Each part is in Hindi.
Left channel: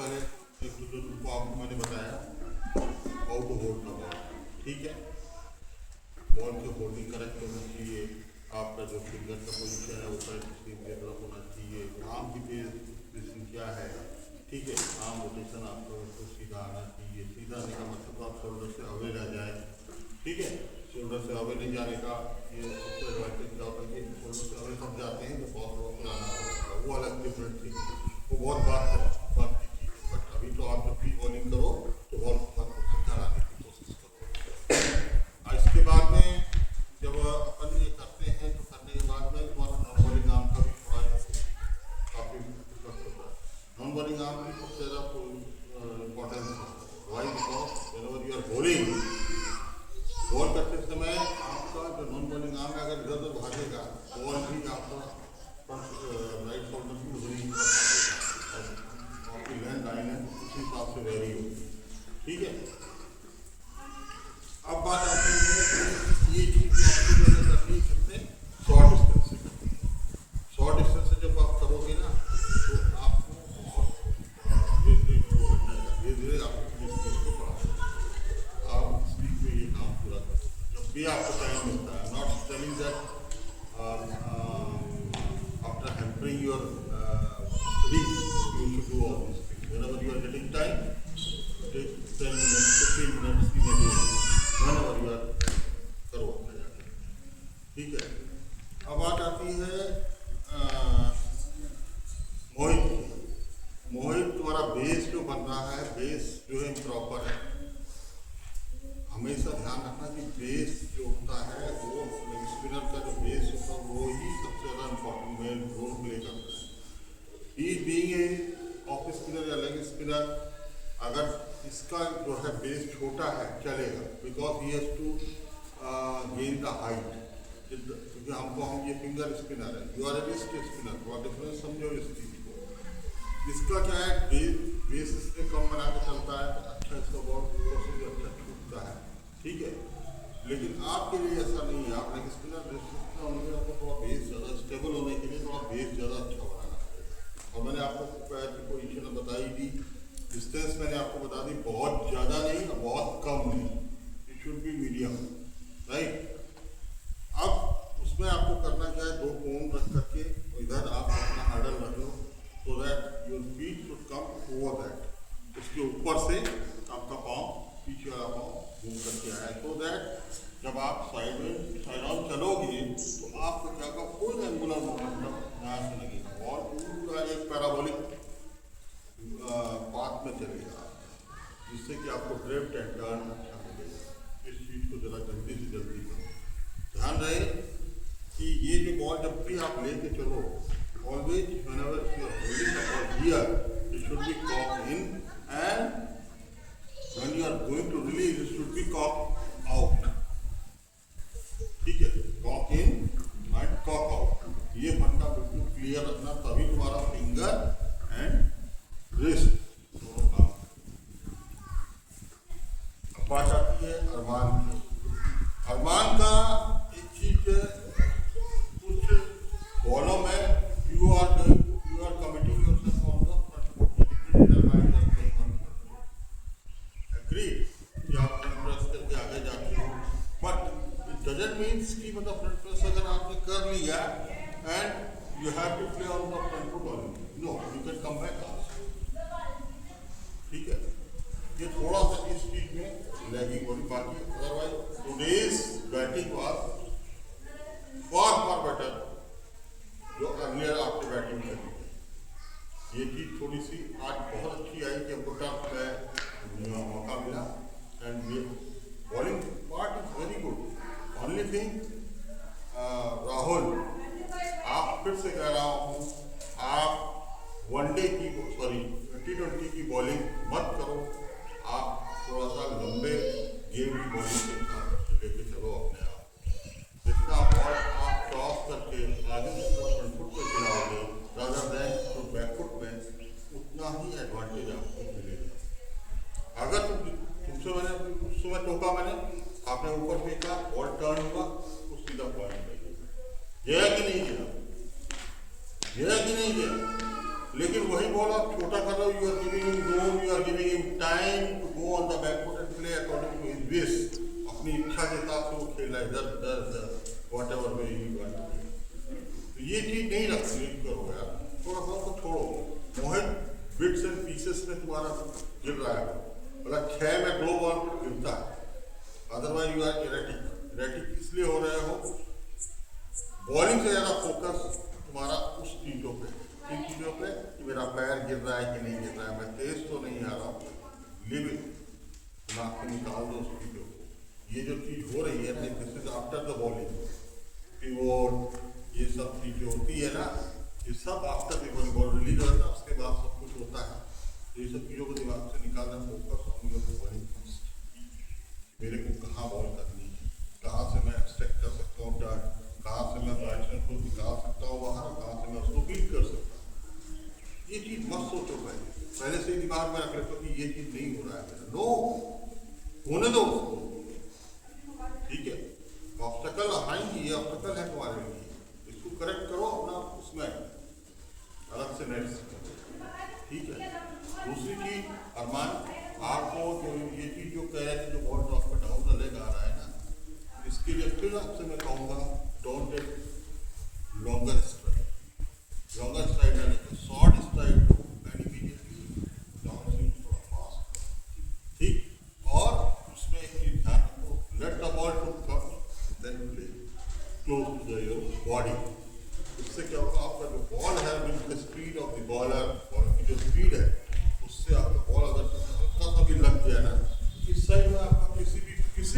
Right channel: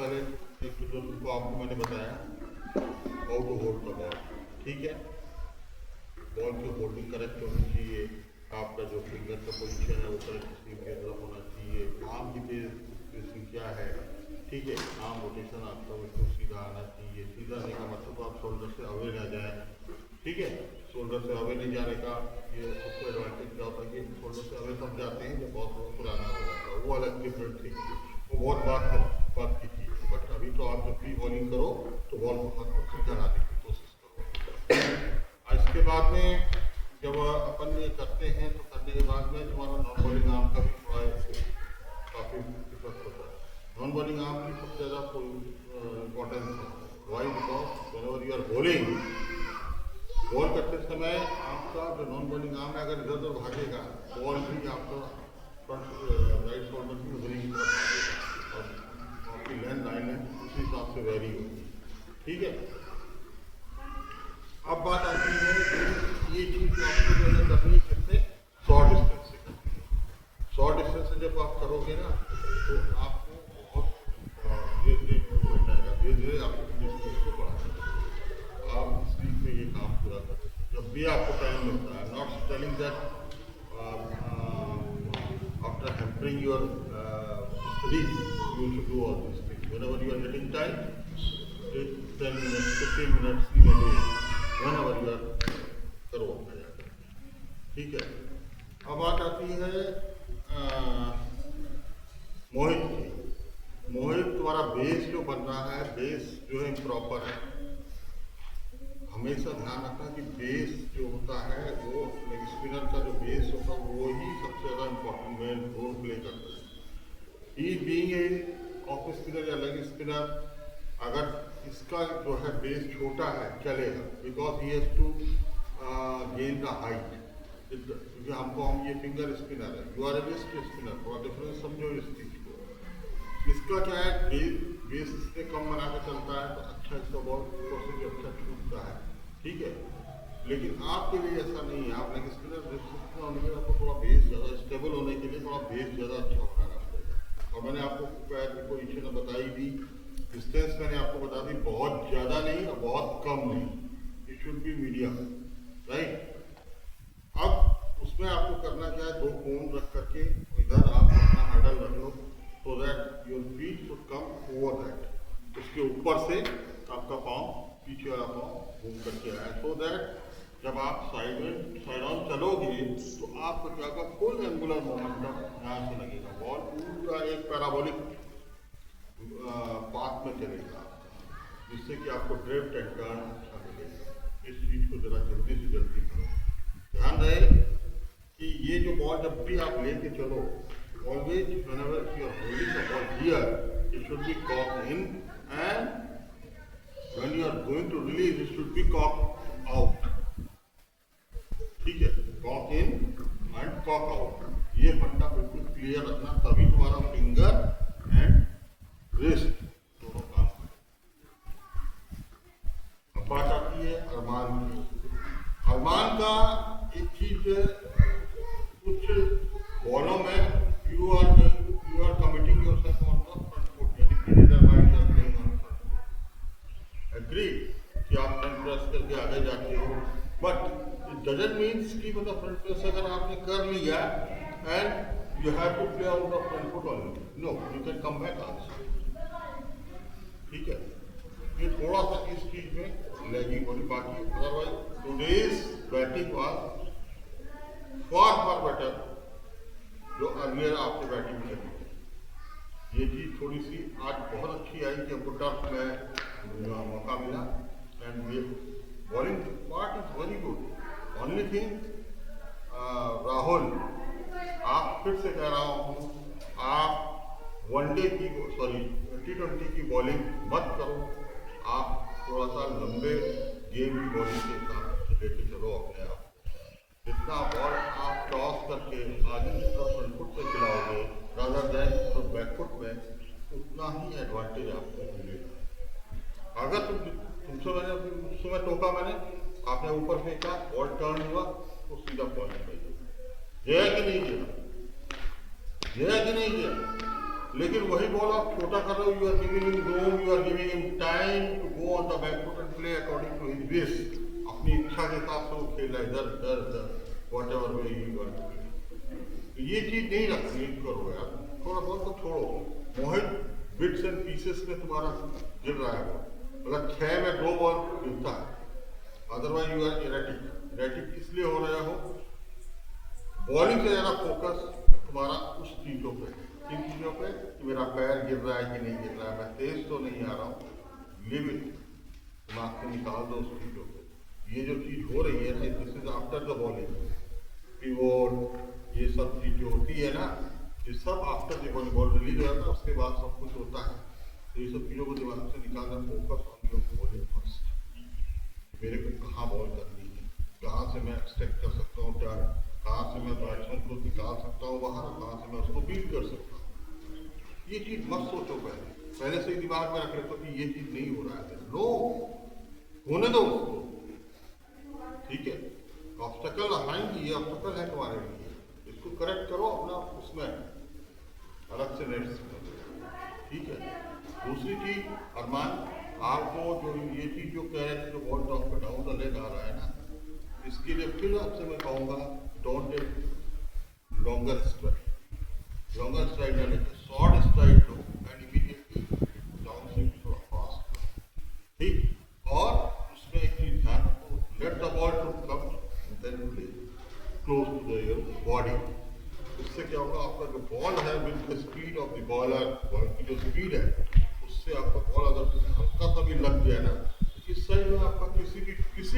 पहले एक जो तुमको आपको मैंने बताया how to hold the ball, ठीक है। बॉल की होल्डिंग करेक्ट होनी चाहिए, आपका जो फिंगर का पोजीशन है वो करेक्ट स्लीव की तरफ होना चाहिए, आर्म की स्पेसिंग क्या है, ठीक है। आर्म रोटेशन आपका उसको सीधा आना चाहिए। सीधा आने का मतलब आप शोल्डर से अवे रह जाए, ठीक है। शोल्डर से अवे नहीं जाने का ये सबसे एडवांटेज क्या होता है कि शोल्डर से अवे सब जाते हैं जब बहुत थोड़ा पुराना हो जाता है, वो अलग डिफरेंट थिंग, वो बहुत बात की चीज़ है। बट अभी तो आप जब भी बॉलिंग करो तो बॉल को हाथ पकड़ कर आने की कोशिश करो। इसके बाद में जब अपन ये करते हैं तो करने के बाद में तुम्हारा नॉन बॉलिंग आर्म का भी थोड़ा काफ़ी इफेक्ट होता है। नॉन बॉलिंग आर्म की सबसे ज़्यादा कोई इम्पोर्टेंस है। Why because whenever you are bowling, ball करते समय आपका जो नॉन बॉलिंग आर्म है अगर इधर उधर भागेगा बॉल भी आपका राइट शोल्डर की उधरी और आपकी लैंड लाइन है उसी हिसाब से वेरी होगी, ठीक है। अब बात आती है कि ये चीज़ जो आपको जो है करनी है शॉर्ट डिस्टेंस से करनी है। शॉर्ट डिस्टेंस से जब आप करोगे ना तो आपको बहुत धीरे धीरे इम्प्रूवमेंट आएगा, धीरे धीरे आपको इसको पढ़ाएगा, आप स्लीप में ये काम पूरा कर सकते हैं जब भी आपको टाइम मिलता है। Not telling that after hampering your studies you should do all this things. Whenever you are getting time, take 10 minutes, 15 minutes की वजह whenever you are करो अपना जाकर, ठीक है। अब बात आती है मोहित की। मोहित तुम्हारा बेस जो बन रहा है, बेस जो है प्रॉपर है। हमेशा ध्यान रखना कि बेस जो होता है वो स्पिनर का जो बेस होता है वो ही सबसे ज़्यादा इम्पोर्टेंट मेन रोल प्ले करता है। He being a off spinner या लेग स्पिनर, अगर इसका जो है बेस छोटा है चलेगा because he has to gain the height, क्योंकि हम ये फिंगर स्पिनर है, you are a wrist spinner, थोड़ा डिफरेंस समझो इस चीज़ को। इसका क्या है बेस इससे कम बना के चलता है तो अच्छा इसका बॉल प्रोसेस अच्छा छूटता है, ठीक है। लेकिन आपके लिए ऐसा नहीं है, आप लेग स्पिनर होने के आपको थोड़ा बेस ज़्यादा स्टेबल होने के लिए थोड़ा बेस ज़्यादा अच्छा बनाना पड़ेगा। और मैंने आपको पैर की पोजीशन बताई भी, डिस्टेंस मैंने आपको बता दी, बहुत ज़्यादा नहीं और बहुत कम नहीं, it should B medium, right. अब उसमें आपको करना क्या है, दो कोन रख करके इधर आप अपना हैंडल रख लो so that your feet should come over that, उसके ऊपर से आपका पाँव पीछे वाला पाँव घूम करके आए, सो दैट जब आप साइड ऑन चलोगे तो आपका क्या होगा, फुल एंगुलर मोमेंटम यहाँ से लगेगा, बॉल पूरा एक पैराबोलिक पाथ में चलेगा, जिससे कि आपको ड्रिफ्ट एंड टर्न अच्छा मिलेगा। इस चीज़ को ज़रा जल्दी से जल्दी करो। ध्यान रहे कि ये जो बॉल जब भी आप लेके चलो, always whenever you are holding the ball here, it should be cock in and when you are going to release it should be cock out, ठीक है। Cock in and cock out, ये फंडा बिल्कुल क्लियर रखना, तभी तुम्हारा फिंगर एंड रिस्ट दोनों काम। अब बात आती है अरमान की। अरमान का एक चीज, कुछ बॉलों में you are committing yourself on the front foot, agree कि आप फ्रंट प्रेस करके आगे जाते हो, बट इट डजंट मीन्स कि मतलब फ्रंट प्रेस अगर आपने कर लिया and you have to play on the front foot only, no, you can come back also, ठीक है। ये थोड़ा सा इस चीज में लैगिंग होनी, बाकी otherwise today's batting was far better जो अर्लियर आपने बैटिंग करी। ये चीज़ थोड़ी सी आज बहुत अच्छी आई कि हमको टर्फ में मौका मिला एंड ये bowling part is very good. Only thing Rahul, आप फिर से कह रहा हूँ, आप वनडे की T20 की बॉलिंग मत करो, आप थोड़ा सा लंबे गेम की बॉलिंग के साथ लेके चलो अपने आप। जितना बॉल आप टॉस करके आगे फ्रंट फुट पे खिलाओगे रादर देन तो बैक फुट में, उतना ही एडवांटेज आपको मिलेगा। अगर तुमसे मैं टोका, मैंने आपने ऊपर फेंका, बॉल टर्न हुआ तो सीधा पॉइंट गया कि नहीं गया, गया कि नहीं गया। लेकिन वही बॉल आप छोटा कर रहे हो, you are giving whatever way you want. तो ये चीज नहीं रखनी करो यार, थोड़ा बहुत तो छोड़ो। मोहित बिट्स एंड पीसेस में तुम्हारा गिर रहा है, मतलब 6 में 2 बॉल गिरता है, otherwise you are erratic. Erratic इसलिए हो रहे हो, बॉलिंग से ज़्यादा फोकस तुम्हारा उस चीज़ों पे, किन चीज़ों पे कि मेरा पैर गिर रहा है कि नहीं गिर रहा है, मैं तेज तो नहीं आ रहा हूँ, लिव इट, दिमाग से निकाल दो उस चीज़ों को। ये जो चीज़ हो रही है ना, this is after the bowling, pivot, ये सब चीज़ जो होती है ना, ये सब after the bowling, ball release हो जाता है उसके बाद सब कुछ होता है। तो ये सब चीज़ों को दिमाग से निकालना, focus on your bowling first. मेरे को कहाँ बॉल करनी है, कहाँ से मैं एक्सट्रैक्ट कर सकता हूँ टर्न, कहाँ से मैं बैट्समैन को निकाल सकता हूँ बाहर, और कहाँ से मैं उसको बीट कर सकता हूँ। ये चीज़ मत सोचो, पहले से ही दिमाग में रख रहे हो कि ये चीज़ नहीं हो रहा है मेरा, नो, होने दो उसको, ठीक है। ऑब्स्टेकल आएंगी, ये ऑब्स्टेकल है तुम्हारे लिए, इसको करेक्ट करो अपना उसमें अलग से नेट, ठीक है। दूसरी चीज अरमान, आपको जो ये चीज जो कह रहे थे, जो बॉल टॉप पे डाउन द लेग आ रहा है ना, इसके लिए फिर आपसे मैं कहूँगा don't take longer strike, longer strike ना लेके शॉर्ट स्ट्राइक लो एंड इमीडिएटली डाउन स्विंग थोड़ा फास्ट, ठीक। और उसमें एक चीज ध्यान रखो, let the ball to come then play close to the your body. इससे क्या होगा, आपका जो बॉल है with the speed of the bowler, ball की जो स्पीड है उससे आपका बॉल अगर हल्का सा भी लग गया ना, इस साइड में आपका किसी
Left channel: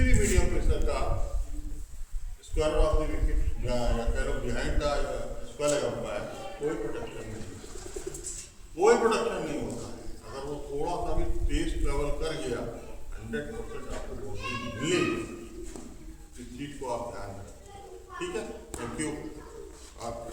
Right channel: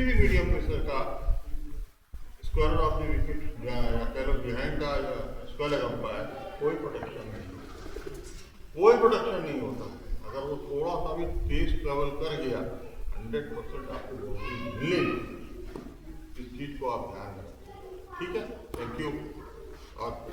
भी मीडियम प्रेशर का स्क्वायर ऑफ द विकेट या कह लो बिहाइंड का या स्क्वायर अंपायर, कोई प्रोटेक्शन नहीं, कोई प्रोटेक्शन नहीं होता। अगर वो थोड़ा सा भी तेज ट्रेवल कर गया 100% आपको बॉल मिलेगी। इस चीज़ को आप ध्यान रखें, ठीक है। Thank you.